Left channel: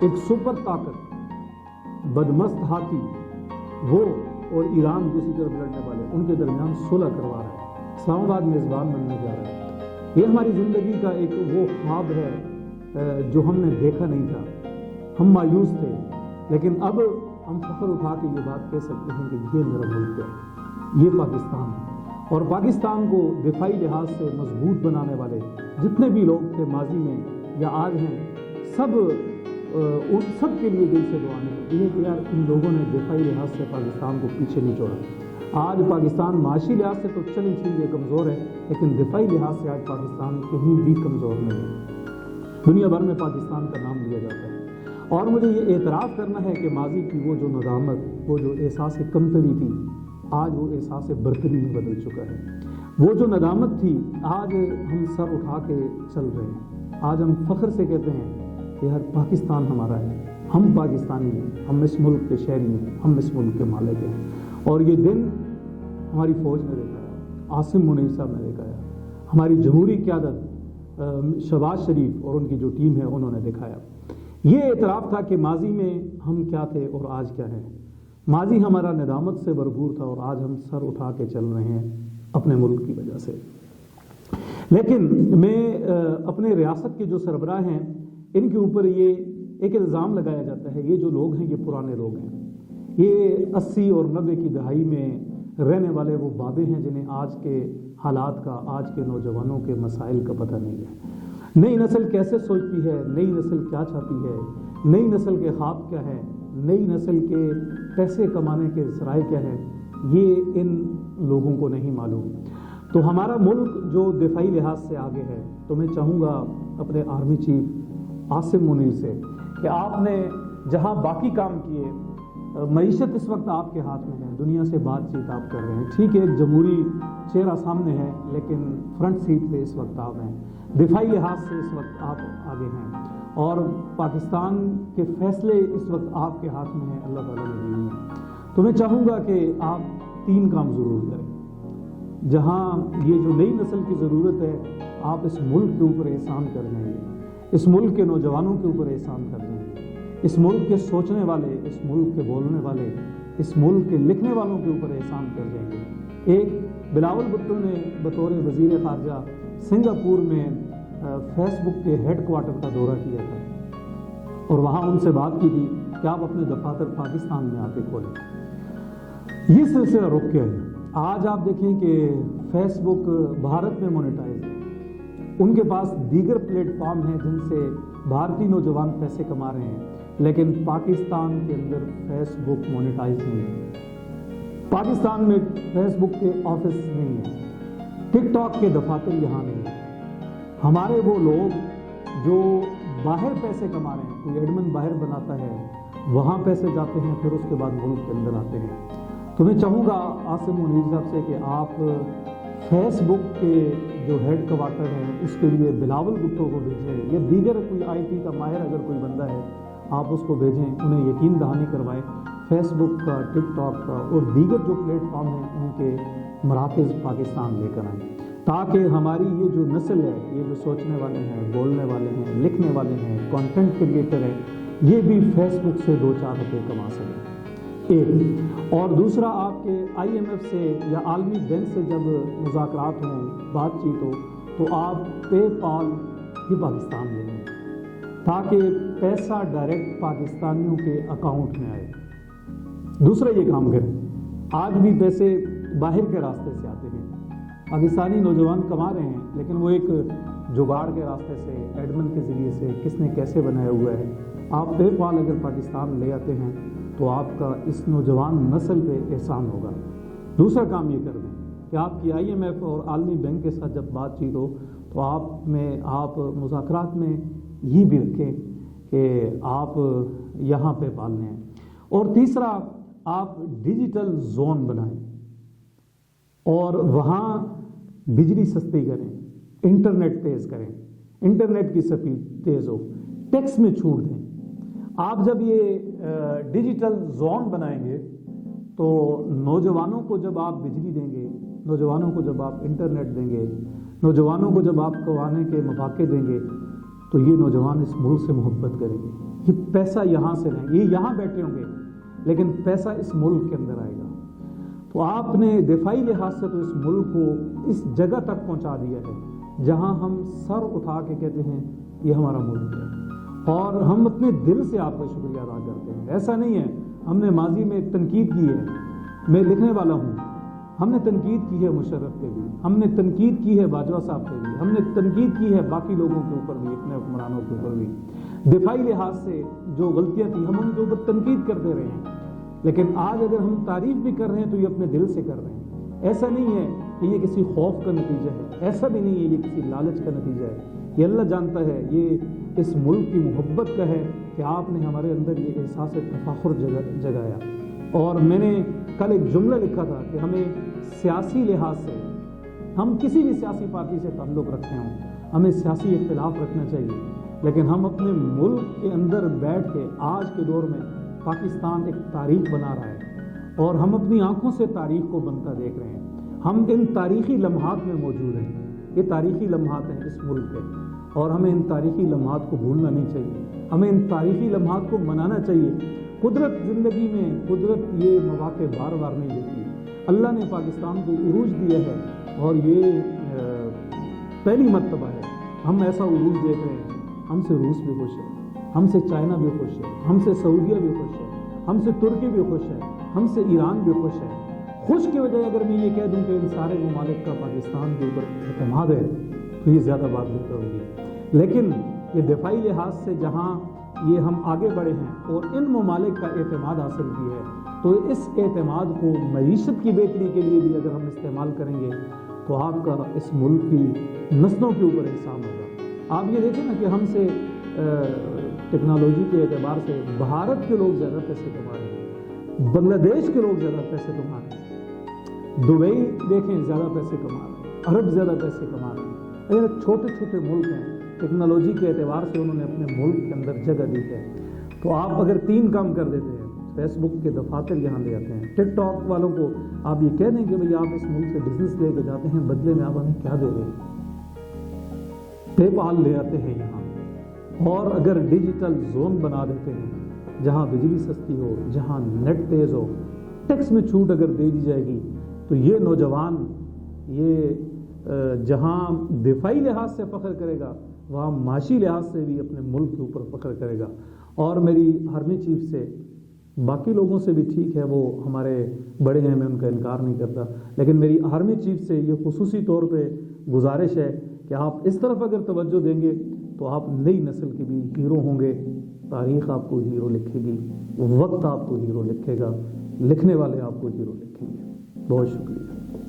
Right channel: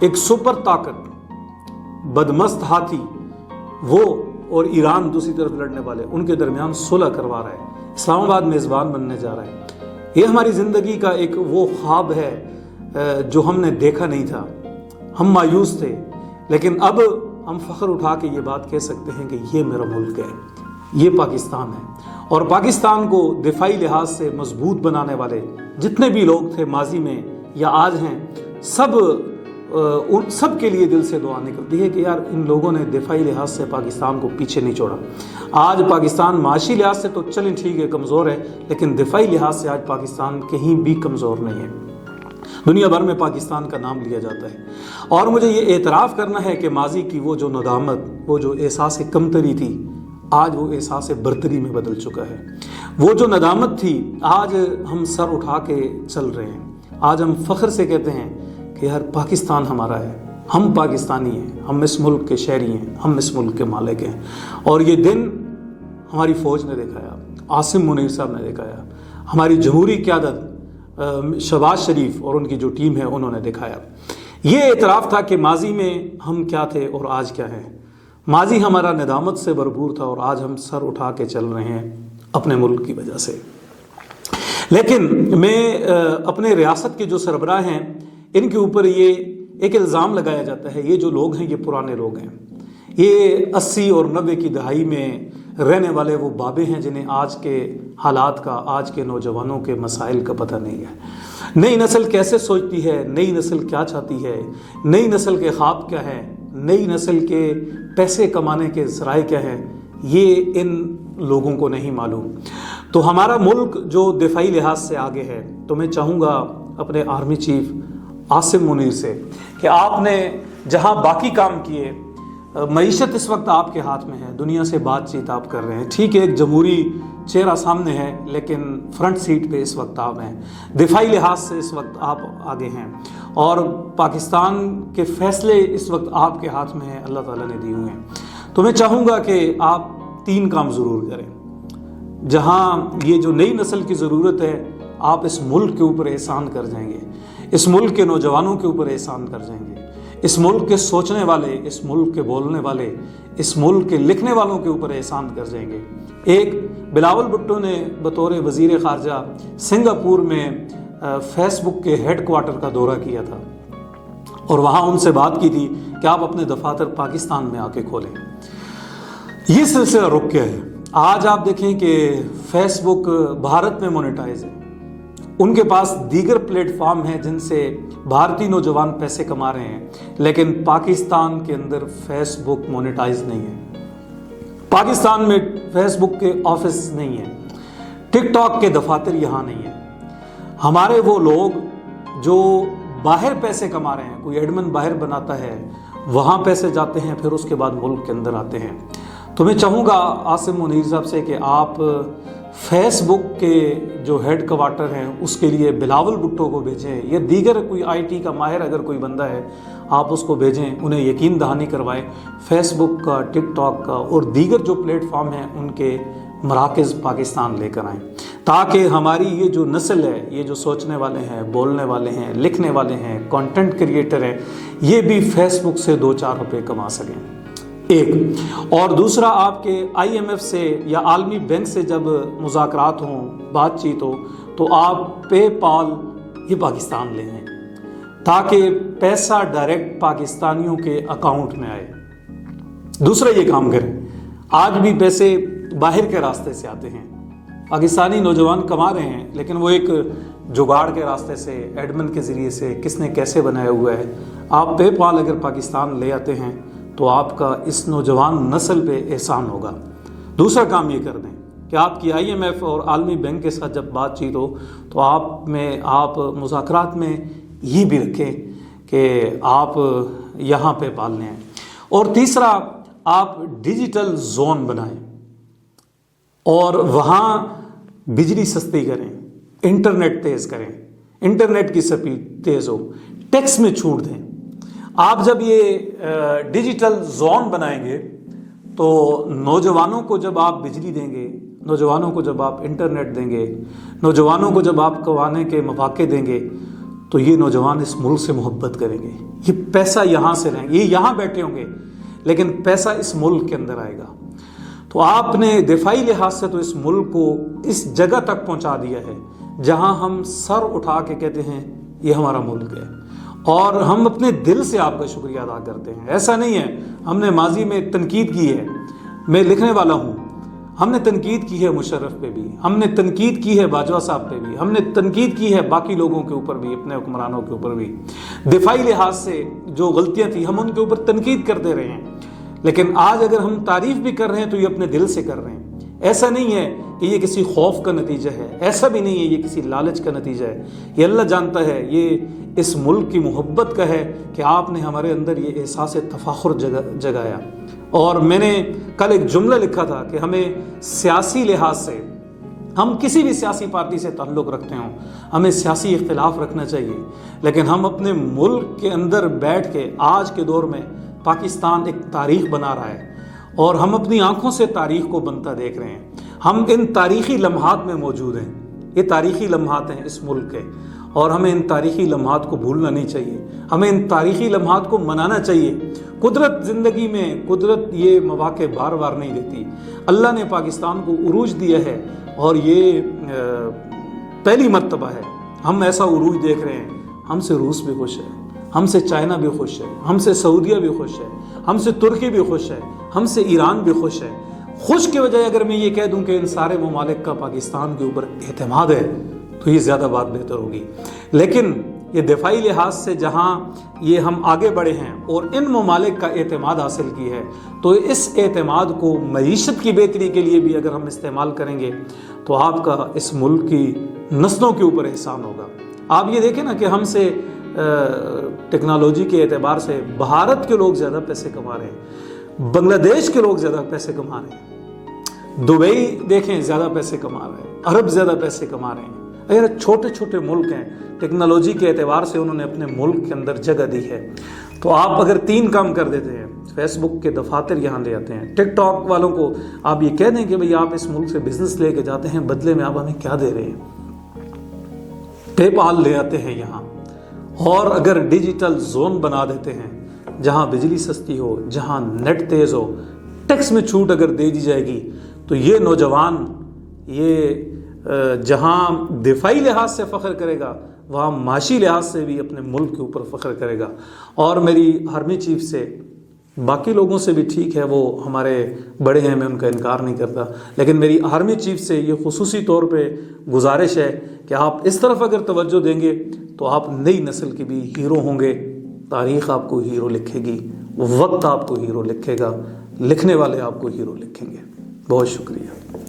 ایک سپر طاقت بدمست ہاتھی وہ اور ایران دوسری طرف لڑنے والے، ان کے درمیان صلح کروا رہا ہے، اسلام آباد میزبان بننے جا رہا ہے۔ یہ ہماری زندگی کا ایک وہ خواب ہے جو ہم نے دیکھا نہیں تھا، ہم مایوس تھے، لیکن اب ہم فخر اٹھا کے یہ بات کہہ سکتے ہیں کہ یہ میرا ملک ہے، یہ پاکستان ہے۔ اور پاکستان کو دفاعی لحاظ سے مضبوط بنانے والے جتنے بھی لوگ تھے ماضی میں یا آج ہیں، سب کے لیے دل سے دعا نکلتی ہے کہ یار ان لوگوں نے دفاعی لحاظ سے پاکستان کو پیچھے نہیں چھوڑا۔ آج پاکستان معاشی لحاظ سے تو چلیں ٹھیک ہے کمزور ہے، لیکن دفاعی لحاظ سے آج پاکستان کہیں بھی کمزور نہیں ہے، دنیا بھر میں پاکستان کا نام لیا جاتا ہے۔ اور مجھے یہ اعتراف کرنا ہے کہ ماضی کی وہ جو ندامت، وہ جو احساس کمتری تھی، آج وہ احساس برتری میں بدل چکا ہے۔ وہ جو ندامت تھی، آج ہم سر اٹھا کے چل رہے ہیں، آج ہم فخر سے کہتے ہیں کہ یار پاکستان ہمارا ہے، ہم پاکستانی ہیں، ہم اس ملک کے شہری ہیں، ہم اس ملک کے مالک ہیں۔ اور یہ دن ہماری فوج نے دکھایا، عاصم منیر صاحب نے دکھایا، ہماری جمہوری قیادت شہباز شریف اور ان کی جو ٹیم ہے انہوں نے دکھایا۔ یہ اعتراف تھا کہ ماضی میں ہم کیا تھے اور آج کیا ہیں۔ ماضی ہمارا ندامت سے بھرپور تھا اور آج ہم سر اٹھا کے چل رہے ہیں اپنے ملک کی وجہ سے۔ لیکن میں اپنے ریاست کے جو سربراہ ہیں ان کے اوپر یہ ایک الزام لگایا جاتا ہے، یہ جو لوگ ہیں یہ پرانے لوگ ہیں، یہ 80 اور 90 کی دہائی میں رہنے والے وہ بابے ہیں جنہیں آج کے حالات کا، آج کے نوجوانوں کے مسائل کا پتہ نہیں ہے۔ نئی نسل کیسے سوچتی ہے، نئی نسل کیا چاہتی ہے، نئی نسل کے خواب کیا ہے، نئی نسل کے پیسے کمانے کے ذرائع کیا ہیں، یہ ان لوگوں کو نہیں معلوم۔ تو ہمارا ملک جو دفاعی لحاظ سے آگے ہے، تو میں چاہوں گا اپنے آرمی چیف عاصم منیر سے کہ آپ نے جہاں باقی کام کیے، معیشت اس وقت آپ کے ہاتھ میں ہے، دنیا سے بات چیت آپ کر رہے ہیں، ٹھیک ہے ایک جمہوری چہرہ سامنے ہے لیکن فرنٹ سیٹ پہ اس وقت آپ ہیں، دفاعی لحاظ سے اس وقت آپ آگے ہیں، اور پاکستان کے فیصلے اس وقت آپ کے ہاتھ میں ہیں، اللہ تعالیٰ نے دیے ہوئے ہیں۔ تو میں چاہوں گا کہ آپ 3 کام ضرور کریں۔ جہاں یہ جو نئی نسل کی ضرورت ہے، آپ اس ملک کے اوپر احسان کر جائیں گے، اس ملک کے نوجوانوں کے اوپر احسان کر جائیں گے، اس ملک کے سوچنے والے، اس ملک کے بولنے والے، اس ملک کے لکھنے والوں کے اوپر احسان کر جائیں گے۔ ایک بلاول بھٹو نے بطور وزیر خارجہ سنگاپور میں فیس بک کے ہیڈ کوارٹر کا دورہ کیا تھا اور وہاں ان سے بات کی تھی کہ آپ اپنے دفاتر پاکستان میں آ کے کھولیں۔ یہ سلسلہ رک گیا ہے۔ آج آپ دیکھیں کہ فیس بک بھارت میں مونیٹائز ہے، ان کے پاس دیگر پلیٹ فارم ہیں جن سے بھارتی نوجوان پیسے کما رہے ہیں، لیکن پاکستان کے اندر فیس بک مونیٹائز نہیں ہے، پاکستان میں فیس بک کے آفس نہیں ہیں، ٹک ٹاک کے دفاتر یہاں نہیں ہیں۔ ہمارے وہ لوگ جو باہر پیسے کما رہے ہیں، کوئی ایڈمن باہر بناتا ہے، وہاں پیسے جاتے ہیں، پھر اس کے بعد ملک کے اندر آتے ہیں۔ تو میں چاہوں گا عاصم منیر صاحب سے کہ آپ فیس بک کے جو ہیڈ کوارٹر ہیں اس کے لیے بلاول بھٹو کو بھیجیں، یا دیگر کوئی آئی ٹی کا ماہر اگر کوئی بندہ ہے آپ اس کو بھیجیں، انہیں یقین دہانی کروائیں، فیس بک کا، ٹک ٹاک کا اور دیگر جو پلیٹ فارم ہیں ان کے مراکز پاکستان لے کر آئیں، تاکہ ہماری یہ جو نسل ہے، یہ جو سوچنے والے ہیں، بولنے والے ہیں، لکھنے والے ہیں، کنٹینٹ کریٹر ہیں، یہ بھی فیس بک سے 2-4 روپے کما سکیں۔ ایک اور دوسرا، آپ کے آئی ایم ایف سے یا عالمی بینک سے جب مذاکرات ہوں، بات چیت ہو، تو آپ پے پال یہ پاکستان لے آئیں تاکہ پیسہ ڈائریکٹ پاکستانیوں کے اکاؤنٹ میں آئے۔ دوسرا یہ کام کریں، آج بھی پیسے باہر کے راستے سے آتے ہیں، پاکستانی نوجوان کما رہے ہیں لیکن وہ ایک جگاڑ کے راستے سے، ایڈمن کے ذریعے سے، کس نے کیسے بنایا ہوا ہے۔ آپ پے پال اگر پاکستان لے آتے ہیں تو آپ کا اس نوجوان نسل پہ احسان ہوگا۔ دوسرا کام یہ کر دیں کہ آپ کی آئی ایم ایف اور عالمی بینک کے ساتھ جب بات چیت ہو تو آپ مذاکرات میں یہ بھی رکھیں کہ آپ یہاں پہ پالنے ہیں۔ اور تیسرا، آپ ڈیجیٹل زون بنائیں اور وہاں بجلی سستی کریں، انٹرنیٹ تیز کریں، انٹرنیٹ کی سپیڈ تیز ہو، ٹیکس میں چھوٹ دیں۔ آپ جب یہ ڈیجیٹل زون بنائیں گے تو نوجوانوں کو جب آپ بجلی دیں گے، نوجوانوں کو جب آپ انٹرنیٹ دیں گے، نوجوانوں کو جب آپ کمانے کے مواقع دیں گے، تو یہ نوجوان اس ملک سے محبت کریں گے. یہ پیسہ یہاں سے لیں گے, یہ یہاں بیٹھے ہوں گے لیکن پیسہ اس ملک کے اندر آئے گا. تو آپ نے دفاعی لحاظ سے تو اس ملک کو اس جگہ تک پہنچا دیا ہے جہاں ہم سر اٹھا کے کہتے ہیں یہ ہمارا ملک ہے, اور ہم اپنے دل سے آپ کا شکریہ ادا کرتے ہیں. ایسا نہیں ہے ہم نے ماضی میں تنقید کی ہے, میں لکھنے والا ہوں, ہم نے تنقید کی ہے مشرف پہ بھی, ہم نے تنقید کی ہے باجوہ صاحب پہ بھی, ہم نے تنقید کی ہے باقی لوگوں کے اوپر بھی, اپنے حکمرانوں کے اوپر بھی. دفاعی لحاظ سے جو غلطیاں تھیں ہم ان کے اوپر تنقید کرتے رہے ہیں, لیکن آج اگر ہم تعریف بھی کر رہے ہیں تو یہ اپنے دل سے کر رہے ہیں. ایسا نہیں ہے کہ یہ کسی خوف کا نتیجہ ہے, ایسا بھی نہیں ہے یہ کسی لالچ کا نتیجہ ہے. یہ اللہ جانتا ہے, یہ اس ملک کی محبت کا ہے کہ آپ نے ہمارے اندر یہ احساس تفاخر جگایا. اور میں نے کل ایک جملہ لکھا تھا کہ ہمیں سیاسی لحاظ سے, ہم کسی بھی سیاسی پارٹی سے تعلق رکھتے ہوں, ہمیں سیاسی اختلاف رکھنا چاہیے, لیکن ہم اپنے ملک کے اندر بیٹھ کے آج کے دور میں پاکستان ایک تاریخ بنا رہا ہے اور ہم اپنی آنکھوں سے تاریخ کو بنتا دیکھ رہے ہیں. ہم ان تاریخی لمحات میں موجود ہیں, یہ تاریخی لمحات ہیں اس ملک کے, اور ہمیں ان تاریخی لمحات کو بھولنا نہیں چاہیے, ہمیں ان تاریخی لمحات کو منانا چاہیے. قدرت زندگی میں, قدرت یہ مواقع بار بار نہیں دیتی. اللہ نے پاکستان کو عروج دیا ہے اور یہ پہلی مرتبہ ہے ہم ایسا عروج دیکھ رہے ہیں. ہم سے روس بھی خوش ہے, ہم سے چائنا بھی خوش ہے, ہم سے سعودیہ بھی خوش ہے, ہم سے ترکی بھی خوش ہے, ہم سے ایران بھی خوش ہے. خوش کے بجائے اگر میں یہ کہہ دوں کہ ان سارے ممالک کا پاکستان کے اوپر اعتماد ہے تو یہ زیادہ بات بہتر ہوگی. لیکن یہ دفاعی لحاظ سے جہاں یہ ہم آگے بڑھے ہیں اور ان ممالک کا اعتماد حاصل کی ہے, تو اس اعتماد کو معیشت کی بہتری کے لیے بھی اگر ہم استعمال کریں گے تو آپ کا اس ملک کی نسلوں کے اوپر احسان ہوگا. آپ یہ دیکھیں نا کہ ہم سے ٹیکنالوجی کے اعتبار سے بھارت کے لوگ زیادہ پیسے کما رہے ہیں, بنگلہ دیش کے لوگ زیادہ پیسے کما رہے ہیں, دبئی دیکھیں زیادہ پیسے کما رہے ہیں, عرب زیادہ پیسے کما رہے ہیں. اگر چھوٹے چھوٹے ملک ہیں, ٹیکنالوجی کے اعتبار سے انہوں نے اپنے ملک کے اندر جگہ دی ہے. تو آپ اگر 3 کام کر دیتے ہیں, فیس بک کے دفاتر یہاں لے آتے ہیں, ٹک ٹاک والوں کو آپ یہ کہہ دیں کہ بھئی آپ اس ملک سے بزنس لے کے جاتے ہیں, بدلے میں آپ ہمیں کیا دے رہے ہیں, پے پال لے آتے ہیں یہاں, اور اگر ڈیجیٹل زون بنا دیتے ہیں جہاں بجلی سستی ہو, جہاں نیٹ تیز ہو, ٹیکس میں چھوٹ اگر دے دی جائے گی, تو یہ نوجوان یہ جہاں دفاعی لحاظ سے فخر کرے گا وہاں معاشی لحاظ سے بھی اپنے ملک کے اوپر فخر کرے گا. اور میری آرمی چیف سے, باقی لوگوں سے بھی ٹھیک ہے وہ ہمارے بڑے ہیں, میں ان کا انکار نہیں کرتا, لیکن میری آرمی چیف سے یہ خصوصی طور پہ گزارش ہے کہ آپ اس طرف اگر توجہ دیں گے تو آپ نئی نسل کے بھی ہیرو ہوں گے. تاریخ آپ کو ہیرو لکھے گی, وقت آپ کو ہیرو لکھے گا, لکھنے والے آپ کو ہیرو لکھیں گے. بہت شکریہ.